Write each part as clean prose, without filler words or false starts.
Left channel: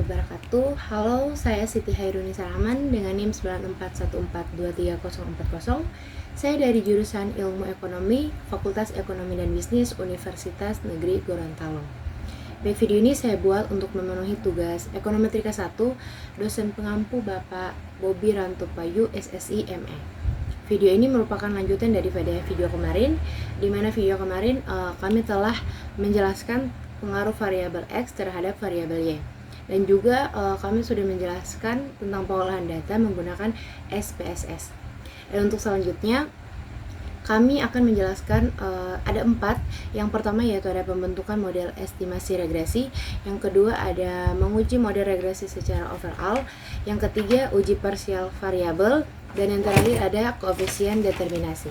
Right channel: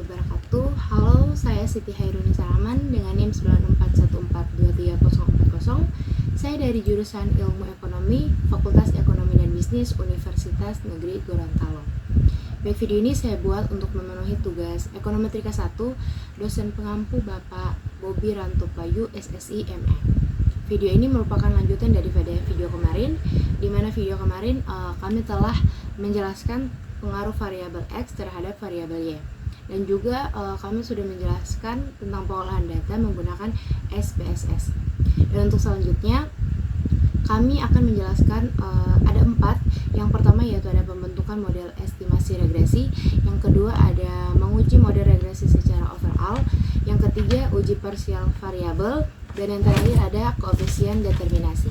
wabarakatuh. Halo, saya Siti Hairuni Salaman dengan NIM 9414234040. Saya dari jurusan Ilmu Ekonomi, Fakultas Ekonomi dan Bisnis Universitas Negeri Gorontalo. Baik, video ini saya buat untuk memenuhi tugas Ekonometrika 1, dosen pengampu Bapak Bobi Rantopayu, SSI ME. Video ini merupakan lanjutan daripada video kemarin, di mana video kemarin kami telah menjelaskan pengaruh variabel X terhadap variabel Y. Dan juga kami sudah menjelaskan tentang pengolahan data menggunakan SPSS. Dan untuk selanjutnya kami akan menjelaskan ada 4. Yang pertama yaitu ada pembentukan model estimasi regresi. Yang kedua ada menguji model regresi secara overall. Yang ketiga uji parsial variabel. Dan yang terakhir ada koefisien determinasi.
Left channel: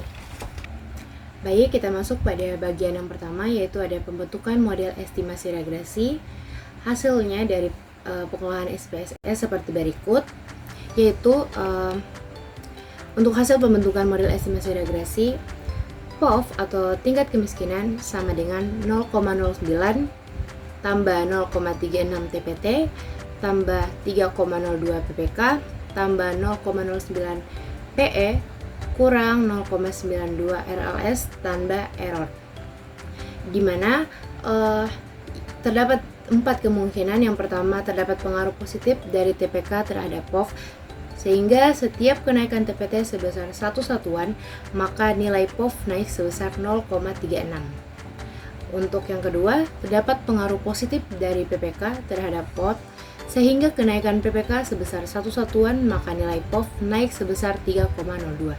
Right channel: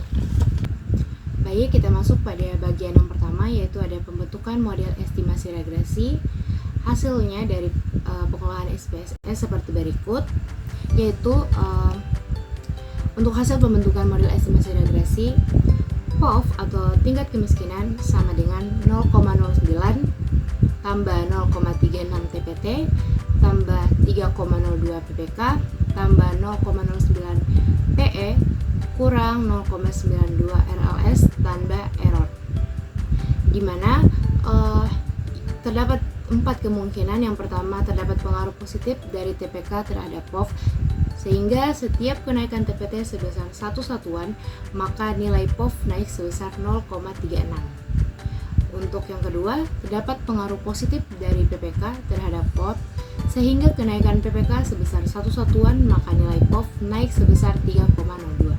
Baik, kita masuk pada bagian yang pertama yaitu ada pembentukan model estimasi regresi. Hasilnya dari pengolahan SPSS seperti berikut, yaitu untuk hasil pembentukan model estimasi regresi, POV atau tingkat kemiskinan sama dengan 0,09 tambah 0,36 TPT tambah 3,02 PPK tambah 0,09 PE kurang 0,92 RLS tambah error, dimana terdapat 4 kemungkinan. Yang pertama, terdapat pengaruh positif dari TPK terhadap POV, sehingga setiap kenaikan TPT sebesar 1 satuan, maka nilai POV naik sebesar 0,36. Untuk yang kedua, terdapat pengaruh positif dari PPK terhadap POV, sehingga kenaikan PPK sebesar 1 satuan, maka nilai POV naik sebesar 3,02.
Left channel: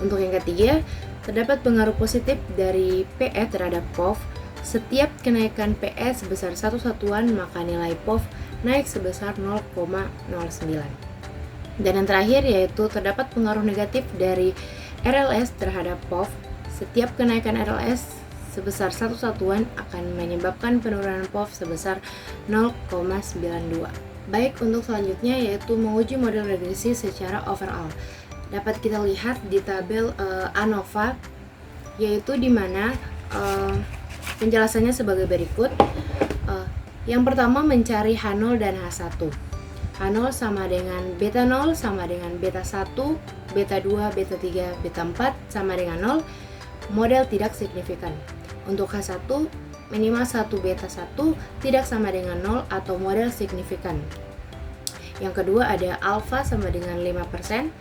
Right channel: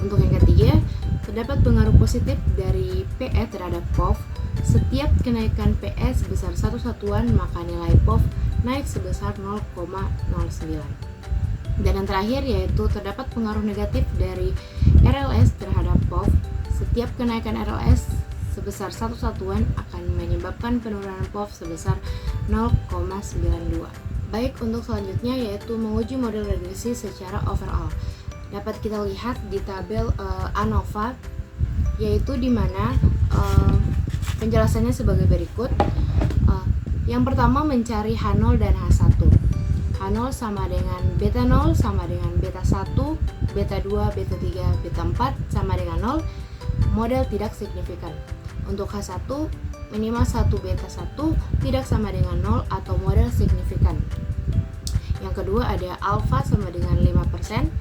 Untuk yang ketiga, terdapat pengaruh positif dari PE terhadap POV. Setiap kenaikan PE sebesar 1 satuan, maka nilai POV naik sebesar 0,09. Dan yang terakhir yaitu terdapat pengaruh negatif dari RLS terhadap POV. Setiap kenaikan RLS sebesar 1 satuan akan menyebabkan penurunan POV sebesar 0,92. Baik, untuk selanjutnya yaitu menguji model regresi secara overall. Dapat kita lihat di tabel ANOVA, yaitu di mana penjelasannya sebagai berikut. Yang pertama, mencari H0 dan H1. H0 sama dengan beta 0 sama dengan beta 1, beta 2, beta 3, beta 4 sama dengan 0. Model tidak signifikan. Untuk H1, minimal 1 beta 1 tidak sama dengan 0 atau model signifikan. Yang kedua ada alfa sama dengan 5%.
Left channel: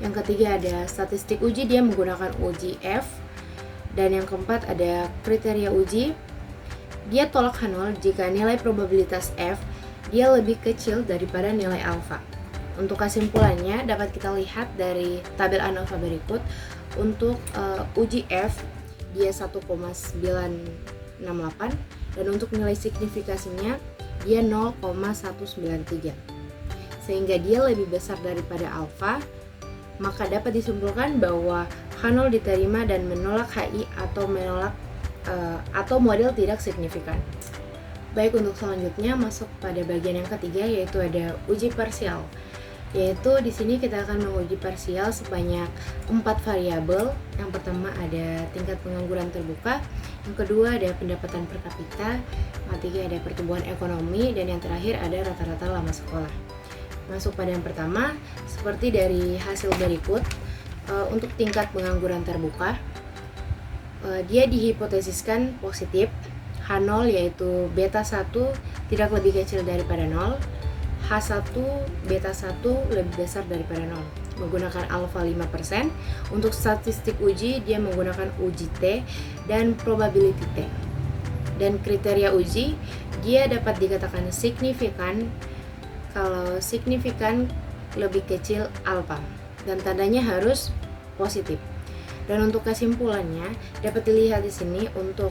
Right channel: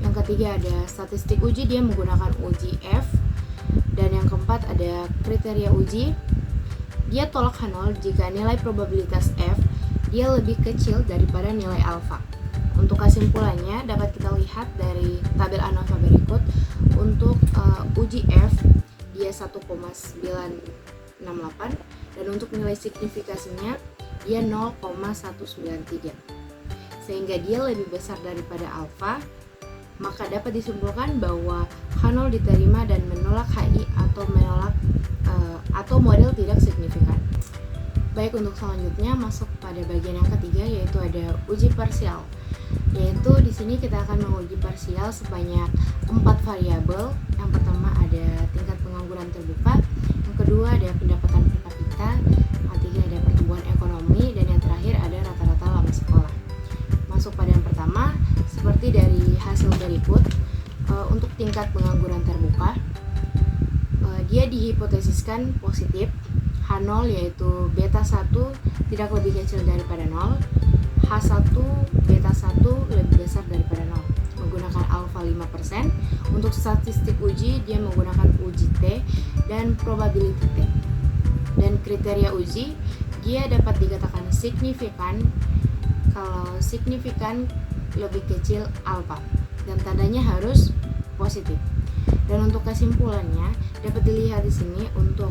Yang ketiga ada statistik uji, dia menggunakan uji F. Dan yang keempat ada kriteria uji, dia tolak H0 jika nilai probabilitas F dia lebih kecil daripada nilai alfa. Untuk kesimpulannya dapat kita lihat dari tabel ANOVA berikut. Untuk uji F dia 1,968 dan untuk nilai signifikasinya dia 0,193, sehingga dia lebih besar daripada alfa. Maka dapat disimpulkan bahwa H0 diterima dan menolak HI atau model tidak signifikan. Baik, untuk selanjutnya masuk pada bagian yang ketiga yaitu ada uji parsial. Yaitu di sini kita akan menguji parsial sebanyak 4 variabel. Yang pertama ada tingkat pengangguran terbuka, yang kedua ada pendapatan per kapita, yang ketiga ada pertumbuhan ekonomi, dan yang terakhir ada rata-rata lama sekolah. Masuk pada yang pertama, seperti dari hasil berikut. Untuk tingkat pengangguran terbuka, dia dihipotesiskan positif. H0 yaitu beta 1 tidak lebih kecil daripada 0, H1 beta 1 lebih besar daripada 0, menggunakan alfa 5%. Untuk statistik uji dia menggunakan uji T dan probability T. Dan kriteria uji dia dapat dikatakan signifikan kalau signifikan lebih kecil alfa dan tandanya harus positif. Dan untuk kesimpulannya dapat dilihat di sini untuk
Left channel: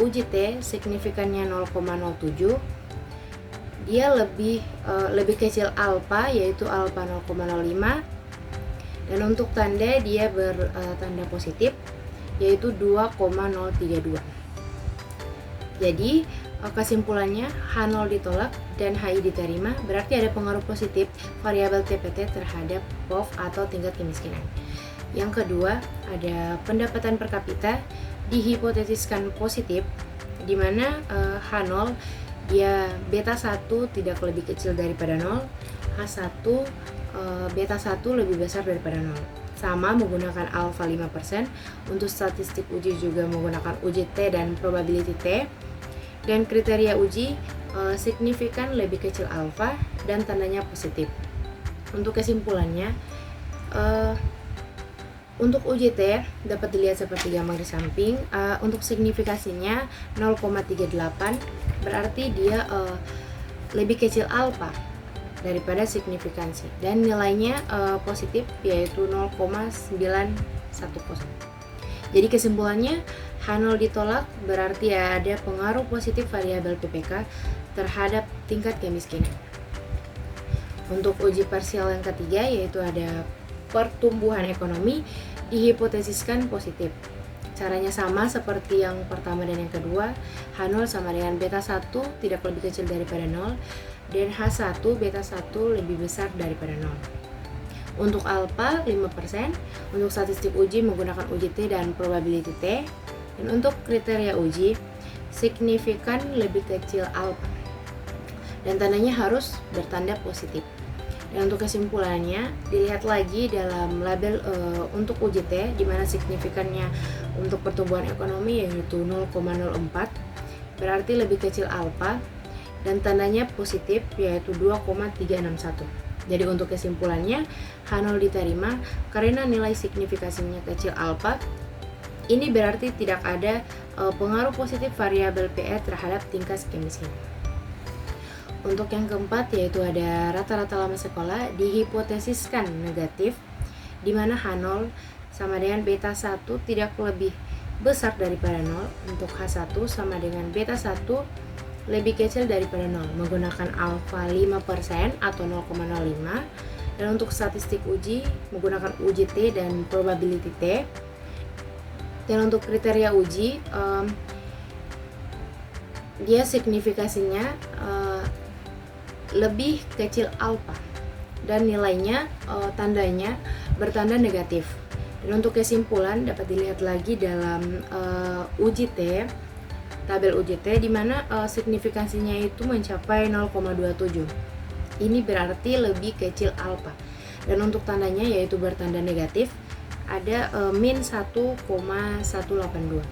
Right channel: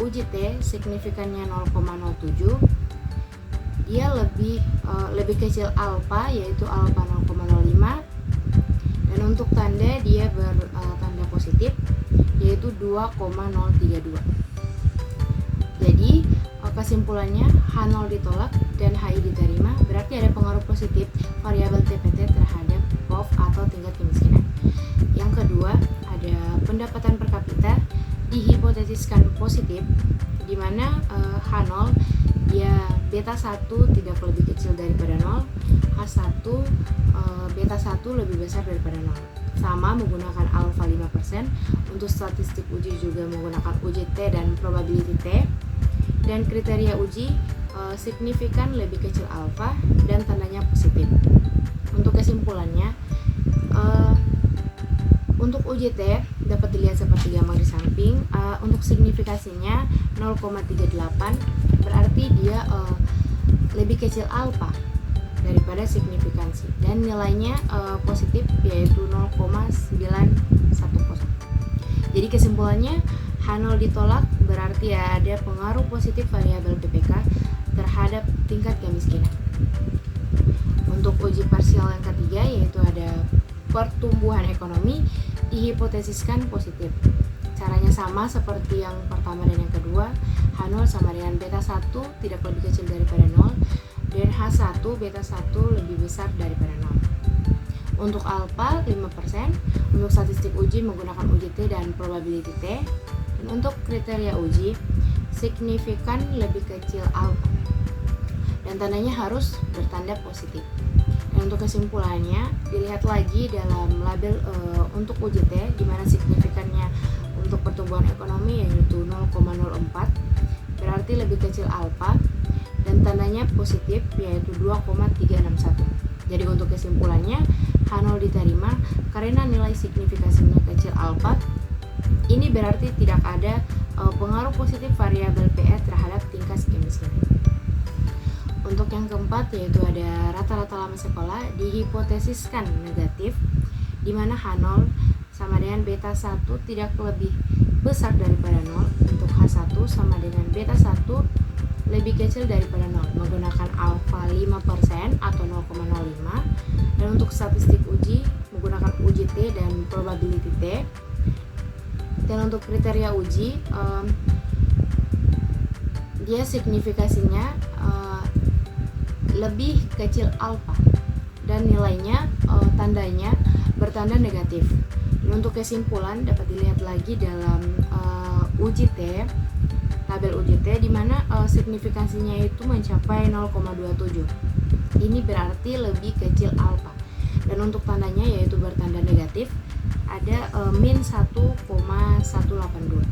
uji T signifikannya 0,07, dia lebih kecil alfa yaitu alfa 0,05, dan untuk tanda dia bertanda positif yaitu 2,032. Jadi kesimpulannya H0 ditolak dan HI diterima, berarti ada pengaruh positif variabel TPT terhadap POV atau tingkat kemiskinan. Yang kedua ada pendapatan per kapita, dihipotesiskan positif, di mana H0 dia beta 1 tidak lebih kecil daripada 0, H1 beta 1 lebih besar daripada 0. Sama menggunakan alfa 5%. Untuk statistik uji juga menggunakan uji T dan probability T. Dan kriteria uji signifikan lebih kecil alfa dan tandanya positif. Untuk kesimpulannya, untuk uji T dapat dilihat seperti gambar di samping. Untuk signifikasinya 0,38, berarti dia lebih kecil alfa daripada signifikansi, dan nilainya positif, yaitu 0,910. Jadi kesimpulannya, H0 ditolak berarti ada pengaruh positif variabel PPK terhadap tingkat kemiskinan. Untuk uji parsial yang ketiga, yaitu ada pertumbuhan ekonomi, dihipotesiskan positif. Caranya sama seperti yang pertama dan yang kedua. H0 sama dengan beta 1 tidak lebih kecil daripada 0, dan H1 beta 1 lebih besar daripada 0. Untuk alfa 5%, untuk statistik uji menggunakan uji T dan probability T. Dan untuk kriteria uji, signifikan lebih kecil alfa, dan tandanya harus bertanda positif. Dan untuk kesimpulannya, dilihat lagi dalam label untuk uji T, di mana signifikannya untuk pertumbuhan ekonomi yaitu 0,04, berarti lebih kecil alfa, dan tandanya positif yaitu 2,361. Jadi untuk kesimpulannya, H0 diterima karena nilai signifikasinya kecil alfa. Ini berarti tidak ada pengaruh positif variabel PE terhadap tingkat kemiskinan. Untuk yang keempat, yaitu ada rata-rata lama sekolah, dihipotesiskan negatif, di mana H0 sama dengan beta 1 tidak lebih besar daripada 0. Untuk H1 sama dengan beta 1 lebih kecil daripada 0 menggunakan alfa 5% atau 0,05. Dan untuk statistik uji menggunakan uji T dan probability T. Dan untuk kriteria uji, dia signifikasinya lebih kecil alfa, dan nilainya tandanya bertanda negatif. Dan untuk kesimpulan dapat dilihat lagi dalam uji T, tabel uji T, di mana signifikasinya itu mencapai 0,27. Ini berarti lebih kecil alfa. Dan untuk tandanya yaitu bertanda negatif, ada min 1,182.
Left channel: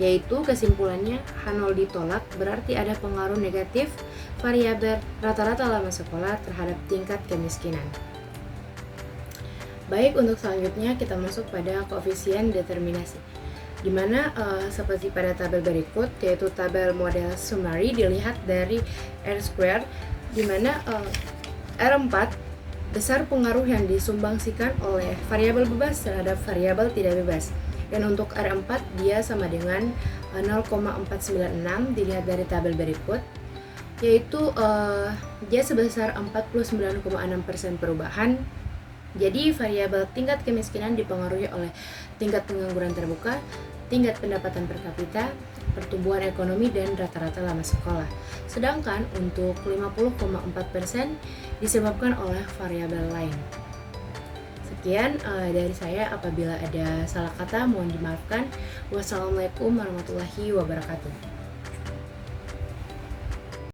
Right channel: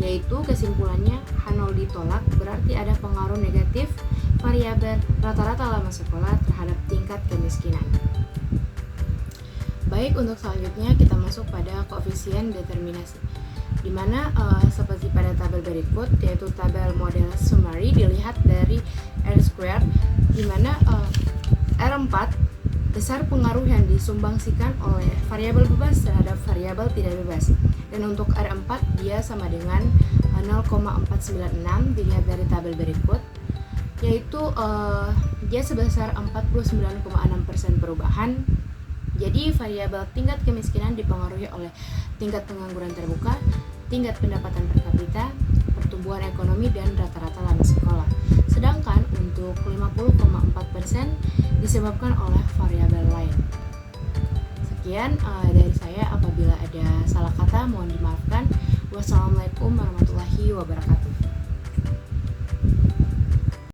Yaitu kesimpulannya H0 ditolak berarti ada pengaruh negatif variabel rata-rata lama sekolah terhadap tingkat kemiskinan. Baik, untuk selanjutnya kita masuk pada koefisien determinasi, di mana seperti pada tabel berikut, yaitu tabel model summary dilihat dari R², di mana R4 besar pengaruh yang disumbangsikan oleh variabel bebas terhadap variabel tidak bebas. Dan untuk R4 dia sama dengan 0,496 dilihat dari tabel berikut, yaitu dia sebesar 49,6% perubahan. Jadi variabel tingkat kemiskinan dipengaruhi oleh tingkat pengangguran terbuka, tingkat pendapatan per kapita, pertumbuhan ekonomi, dan rata-rata lama sekolah. Sedangkan untuk 50,4% disebabkan oleh variabel lain. Sekian dari saya. Apabila ada salah kata mohon dimaafkan. Wassalamualaikum warahmatullahi wabarakatuh.